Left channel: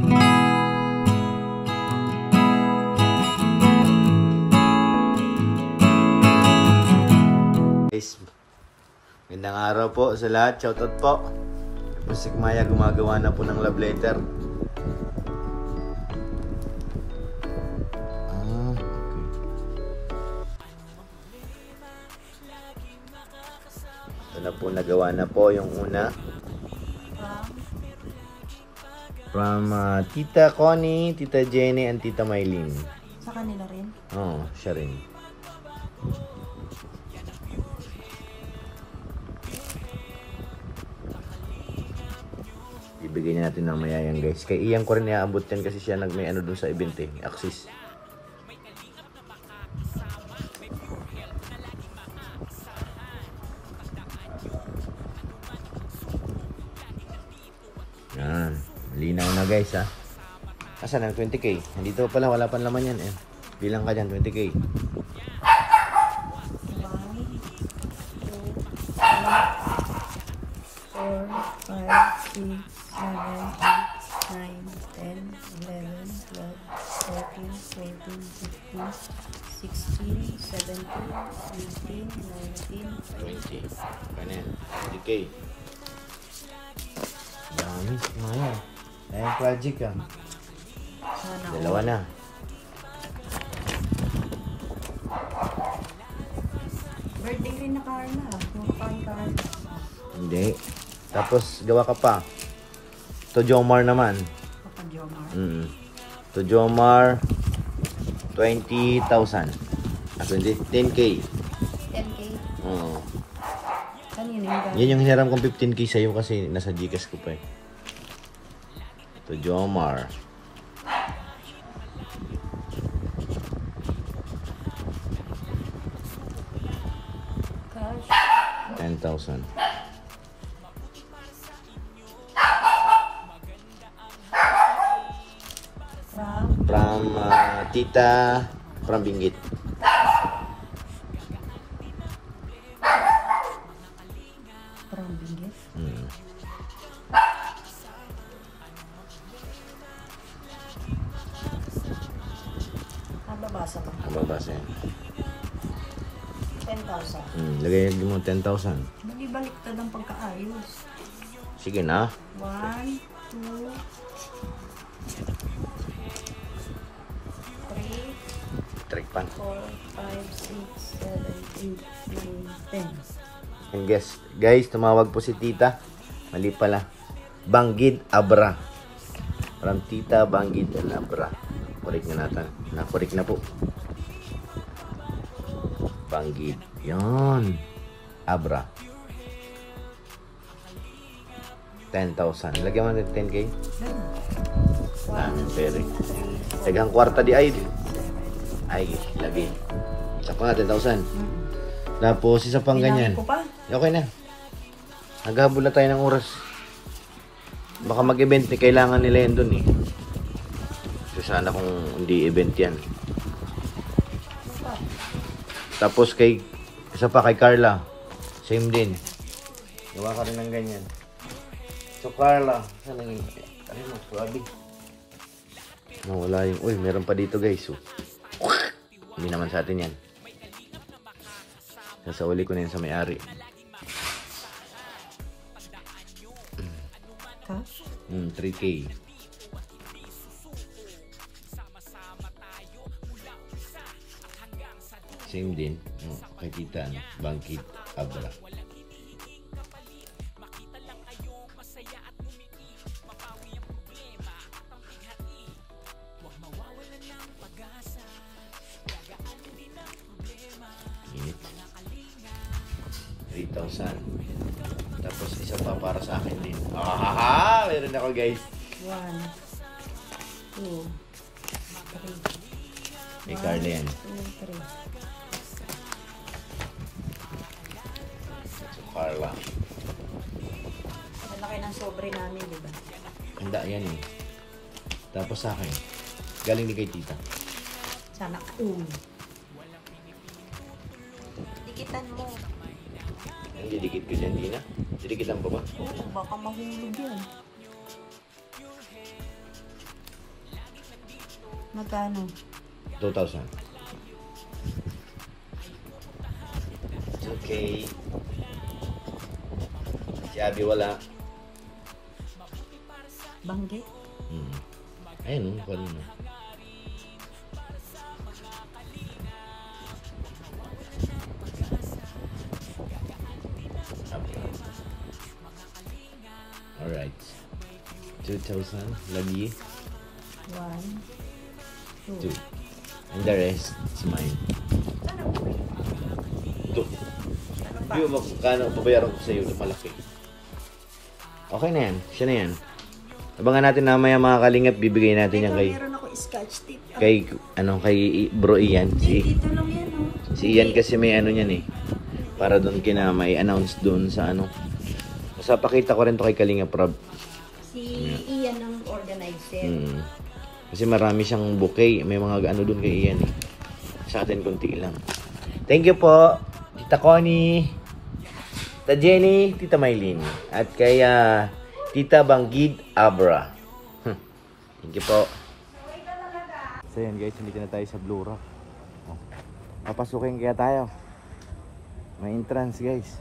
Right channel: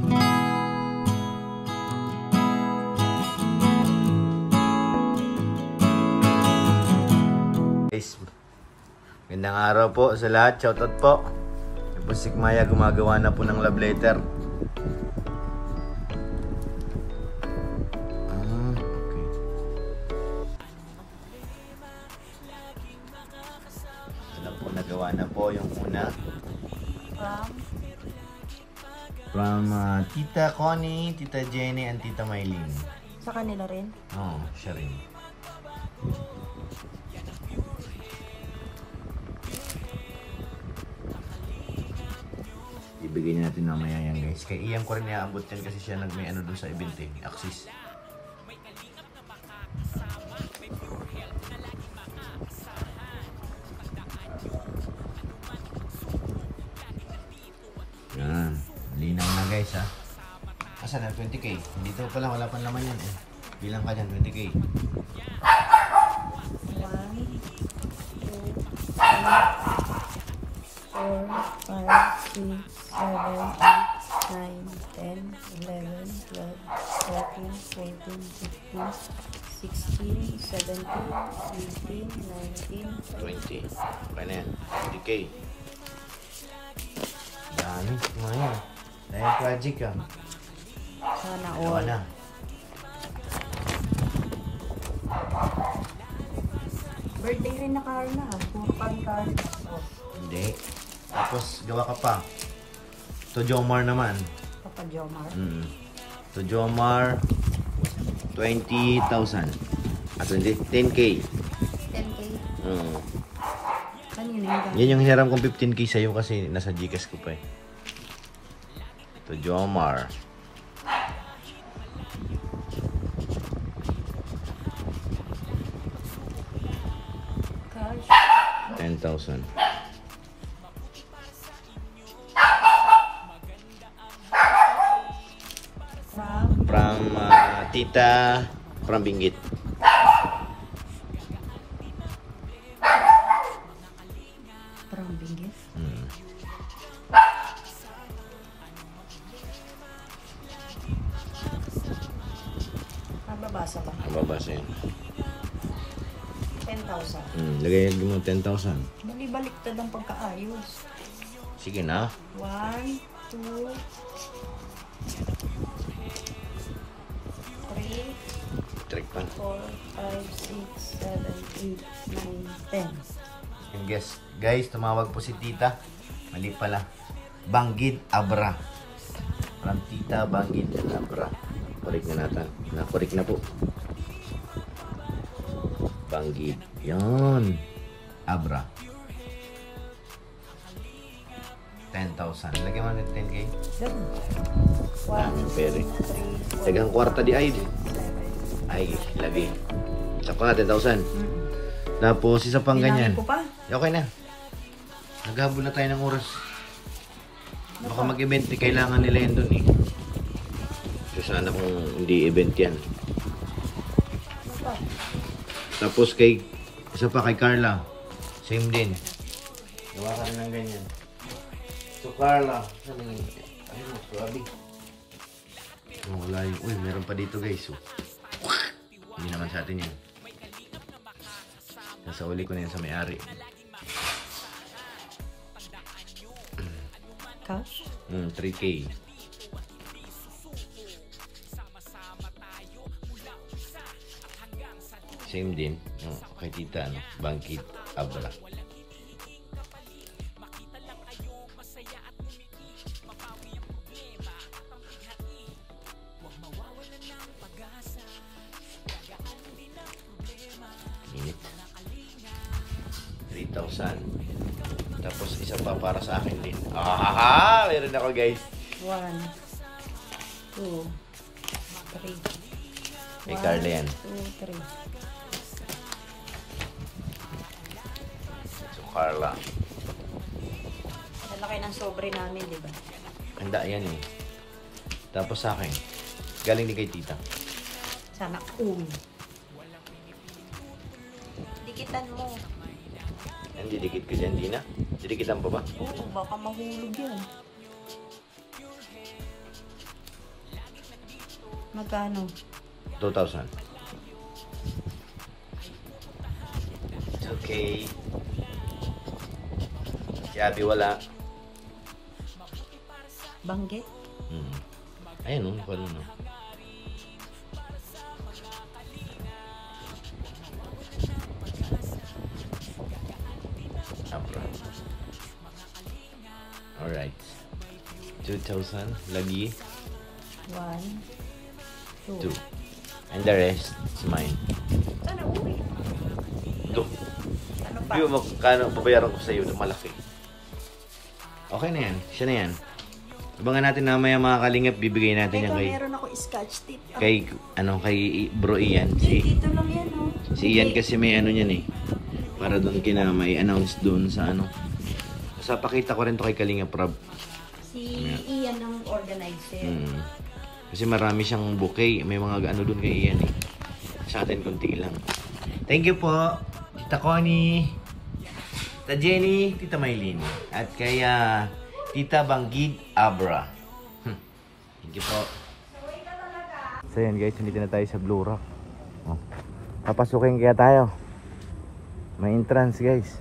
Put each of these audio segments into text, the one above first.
Guys, magandang araw po sa lahat. Shoutout po. Yan po si Maya, gumagawa na po ng love letter. Na po, nagawa na po yung una from Tita Connie, Tita Jenny, and Tita Maylene. Sa kanila rin? Oo, siya rin. Ibigay na natin mamaya yan, guys. Kay Ian ko rin iaabot yan kasi siya nagmay ano dun sa event eh, Axis. Yan. Linaw na guys ha. Asan ang 20k? Dito pala wala pang laman yan eh. Bilang ka dyan 20k. 1, 2, 3, 4, 5, 6, 7, 8, 9, 10, 11, 12, 13, 14, 15, 16, 17, 18, 19, 20. Pa na yan. 20k. Dami. Maya. Ayan project ka. Dalawa na. Birthday rin na Carla. Puro Carla. Hindi. Tapos gawa ka pa. To Jomar naman. Papa Jomar. To Jomar 20,000. 10k. 10K. Oo. Kanino Yan yung hiram kong 15k sa'yo kasi nasa Gcash ko pa eh. To Jomar. Cash. 10,000. From Tita from Binggit. From Binggit? Babasa ba? Babasa yun. 10,000. Lagay mo 10,000. Baliktad ang pagkaayos. Sige na. 1, 2, 3, Trick pan. 4, 5, 6, 7, 8, 9, 10. Yung guys, tumawag po si Tita. Mali pala. Banggid Abra. From Tita Banggid Abra. Correct na natin. Na-correct na po. Banggid. Yon. Abra. 10,000. Lagyan mo natin 10k. Pere. Tagang kwarta di ay. Ay, lagi. Isa pa nga 10,000. Tapos isa pang ganyan. Okay na. Naghabol na tayo ng oras. Baka mag-event eh. Kailangan nila yan dun eh. So sana kung hindi event yan. Tapos kay isa pa kay Carla. Same din. Gawa ka rin ng ganyan. So Carla. Ano yun? Ay mo, grabe. Wala yung... Uy, meron pa dito guys. So, hindi naman sa atin yan. Nasa uli ko na yan sa may-ari. Cash? 3k. Same din. Kay Tita, ano? Banggid Abra. Minute. 3,000. Tapos isa pa para sa akin din. Meron ako guys. 1, 2, 3. Kay Carla yan. 2, 3. So Carla. Malaki ng sobre namin, di ba? Handa yan eh. Tapos sa akin. Galing ni kay Tita. Sana all. Dikitan mo. Yan, didikit ko dyan, Dina. Didikitan pa ba? Oo, baka mahulog yan. Magkano? 2,000. Okay. Si Abby wala. Bangge? Ayun, wala na. Alright. 2,000. Lagi. 1, 2. 2. And the rest is mine. Sana uwi. Ito. Ano pa? Hindi mo magkano babayaran ko sa iyo. Ito malaki. Okay na yan. Siya na yan. Abangan natin na maya mga kalingap. Bibigay natin yan kay... Meron ako scotch tape. Kay bro Ian. Dito lang yan, no? Si Ian kasi may ano niyan eh. Para doon kina may announce doon sa ano. Basta pakita ko rin to kay Kalingap Rob. Si Ian ang organizer. Kasi marami siyang bouquet. May mga ano doon kay Ian eh. Sa atin konti lang. Thank you po. Tita Connie. Tita Jenny. Tita Maylene. At kay Tita Banggid Abra. Thank you po. So yan guys. Nandito na tayo sa Blue Rock. Papasukin kaya tayo. May entrance guys.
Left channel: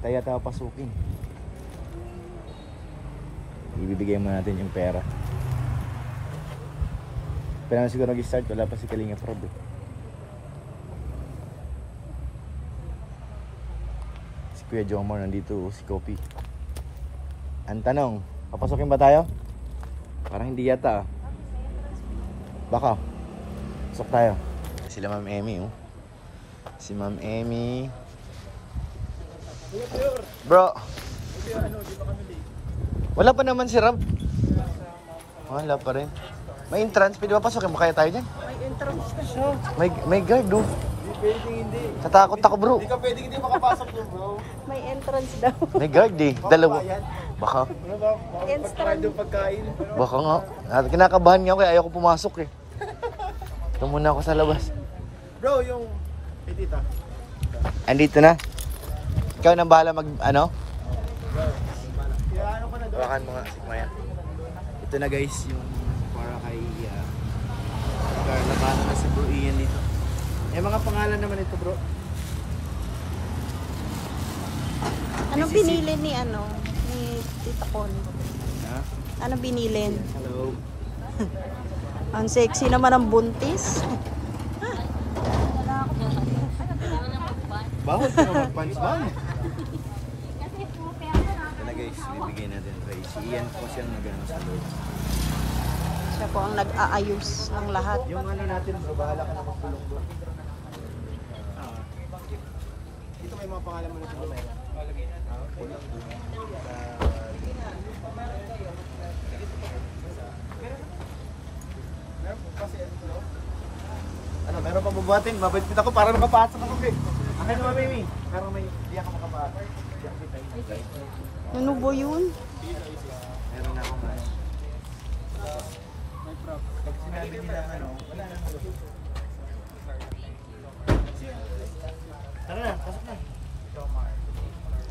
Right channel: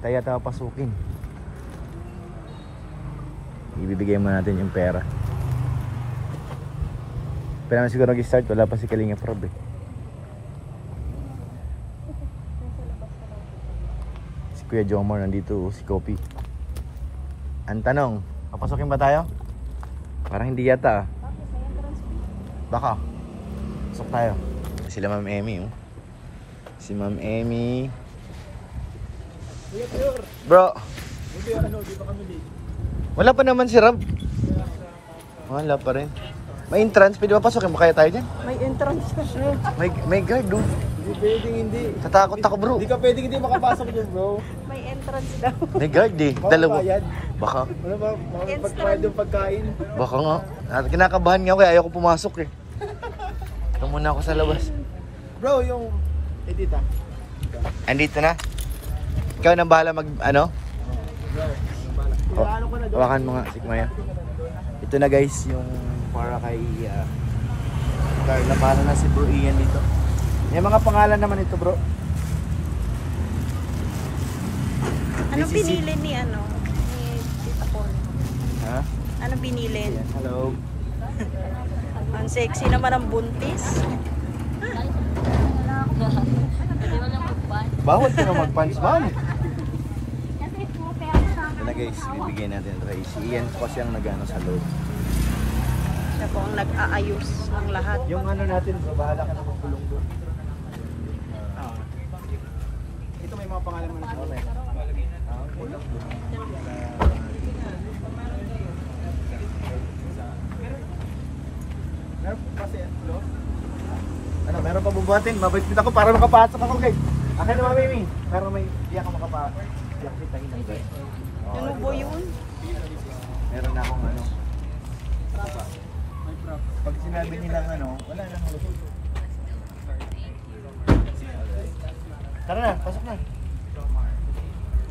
Tayo papasukin. Ibibigay mo natin yung pera. Pero naman siguro nag-start. Wala pa si Kalingap Rob eh. Si Kuya Jomar nandito. Si Kopi. Ang tanong, papasukin ba tayo? Parang hindi yata ah. Baka. Pasok tayo. Sila Ma'am Emmy oh. Si Ma'am Emmy. Bro. Di ba kami late? Wala pa naman si Rob. Wala pa rin. May entrance, pwede ba pasukin? Makaya tayo dyan? May entrance na siya. May guard, do. Hindi pwedeng hindi. Natakot ako, bro. Hindi ka pwedeng hindi makapasok dyan, bro. May entrance daw. May guard, eh. Dalawa. Bayad. Baka. Ano ba? Bakit pagpahid yung pagkain? Baka nga. Kinakabahan nga ako, kaya ayoko pumasok, eh. Ito muna ako sa labas. Bro, yung... tita. Andito na. Ikaw nang bahala ano? Bro, ano ko na doon? Hawakan mo nga, si Kuya. Ito na guys, yung para kay Carla. Paano na si Bro Ian dito? May mga pangalan naman ito, bro. Ano pinili ni Tita Connie? Ha? Ano binili? Ayan, hello. Ang sexy naman ang buntis. Bawal ka na mag-pants, ma'am. Na guys, bibigyan natin kay si Ian po kasi ang nag-ano sa loob. Siya po ang nag-aayos ng lahat. Yung ano natin, bro, bahala ka na magbulong doon. Ito may mga pangalan mo na siya. Okay. Bulong doon. Meron kasi flow? Ano, meron pa bubuhatin? Mabait-bit ako para makapasok ako, guys. Akin naman, Mimi. Pero may, di ako di ako sitahin ng guys. Ano ba yun? Meron na akong ano. May prop. Pag sinabi nilang ano, wala nang lusog. Tara na, pasok na.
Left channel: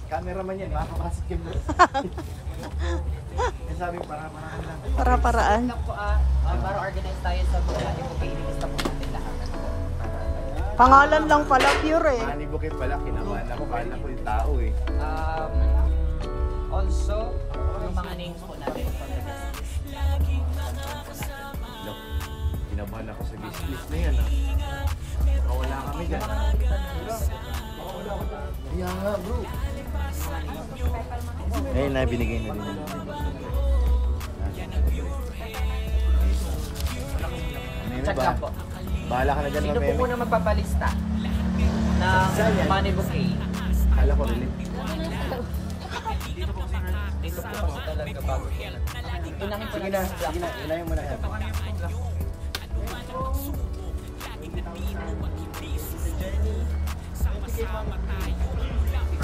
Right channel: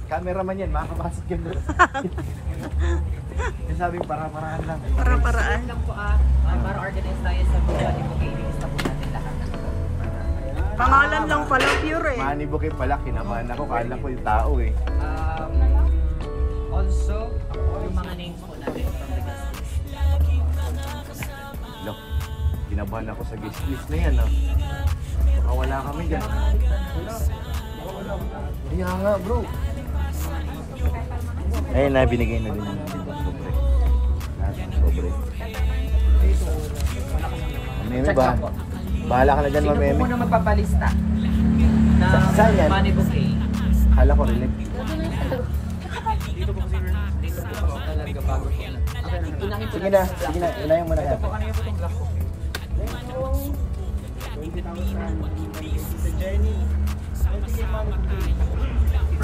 Cameraman yan, makakapasok yan bro. Yung sabi, para-parahan lang. Para-paraan. Para organize tayo sa Johnny Bouquet, ilista po natin lahat. Pangalan lang pala, pure eh. Manny Bouquet pala, kinabahan ako. Kala ko yung tao eh. Also, yung mga names po natin. Look, kinabahan ako sa guest list na yan ah. Baka wala kami dyan. Kaya nga bro. Ayun na, binigay na din yung sobre. Lahat ng sobre. Ano ba? Bahala ka na dyan, Sino po Mami. muna magpapalista? Saan yan? Johnny Bouquet. Kala ko relate. Sige na, ilayin mo na yan. Sa Jenny. Tita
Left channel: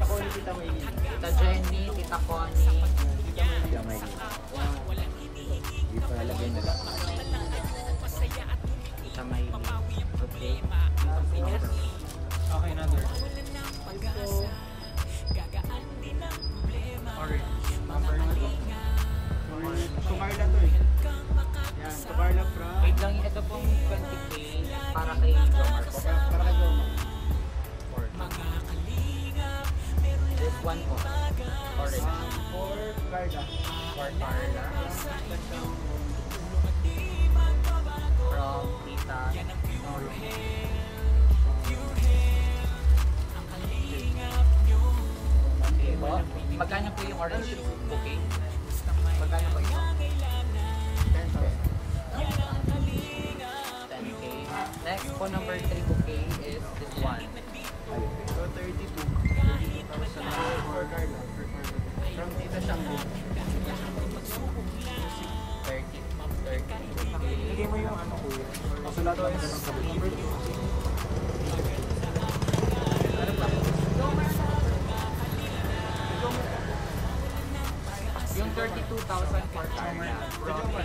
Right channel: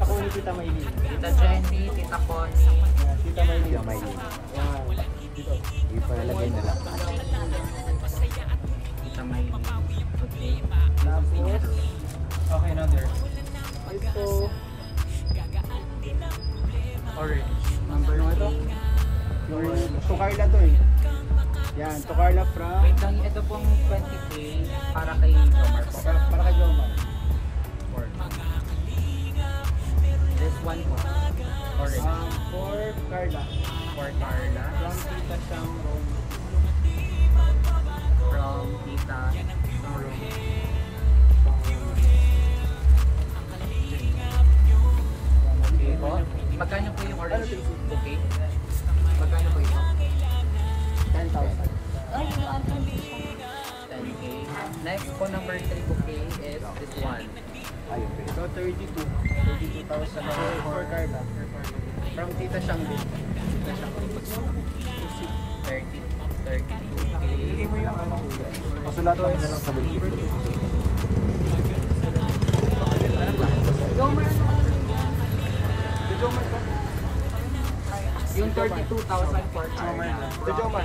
Connie, Tita Maylene. Tita Jenny, Tita Con. Tita Maylene. Hindi pa ilagay na lang. Okay, another. Ito. Orange. Number mo ito? So, Carla to eh. Yan. Yan, to Carla from... Ito pong 20K para kay Jomar. Para kay Jomar. This one po. For Carla. For Carla. From Tita Shang Roma. From Tita Roma. Magkano po yung orange bouquet? Magkano po yun? 10,000. 10K. Next po, number 3 bouquet is this one. So 32. 32,000 for Carla. From Tita Shang din. Tita Shang. 30K. Hindi mo yung ano kulay. Masulat lang sa sabi. Ano ba? Jomar na. Yung 32,000 for Carla. Sa Jomar.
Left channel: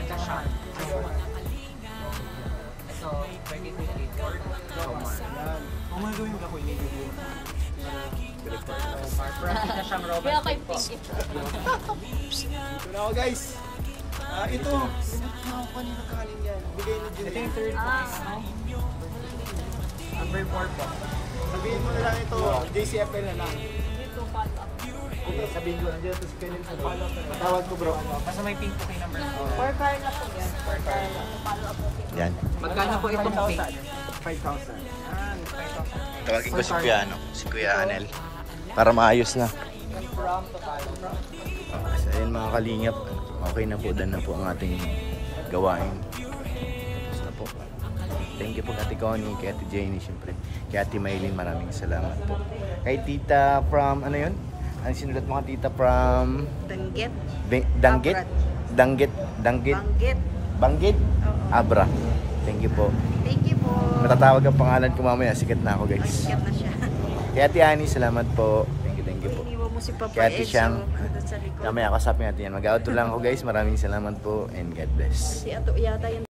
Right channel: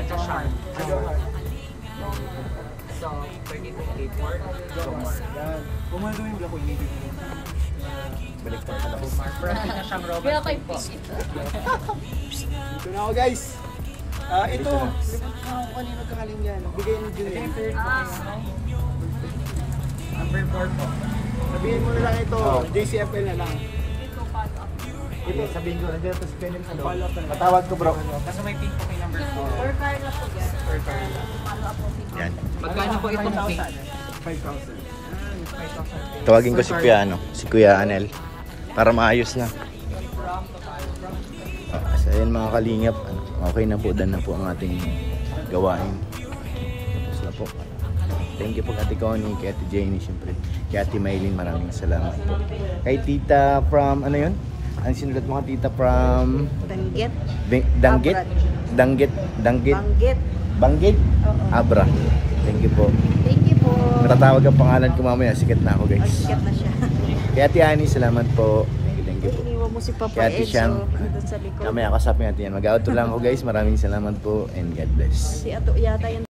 So, 32K for Jomar. Umando yung ako yung Balik pa pala. Kaya kay Fish ito. Dito na ako guys. Ito. Limot na ako kanina kakaling yan. Bigay mo din yan. Sabihin mo na lang ito. JCFL na lang. Ito, sabihin ko, nandiyan ito si Penel. Follow up na lang. Matawag ko bro. Basta may pink po kay number 4. For Carla po. Yan. Magkano po itong cake? 5,000. Tawagin ko si Kuya Anel. Para maayos na. So ayun mga kalingap, okay na po, dan na po ang ating gawain. Tapos na po. Thank you po kay Ate Connie, kay Ate Jenny, syempre. Kay Ate Maylin, maraming salamat po. Kay Tita from, ano yun? Ang sinulat mo ka, Tita from... Danggit. Danggit? Danggit? Banggit? Oo. Abra. Thank you po. Thank you po. Matatawag ang pangalan ko mamaya, sikat na ako Ay, guys. sikat na siya. Kay Ate Annie, salamat po. Thank you po. Iniwan mo si Papa Kay Ate Enzo. Siyang. Andun sa likod. Mamaya kasapin natin yan. Mag-auto lang ako guys. Maraming salamat po and God bless. Si Ato yata yun.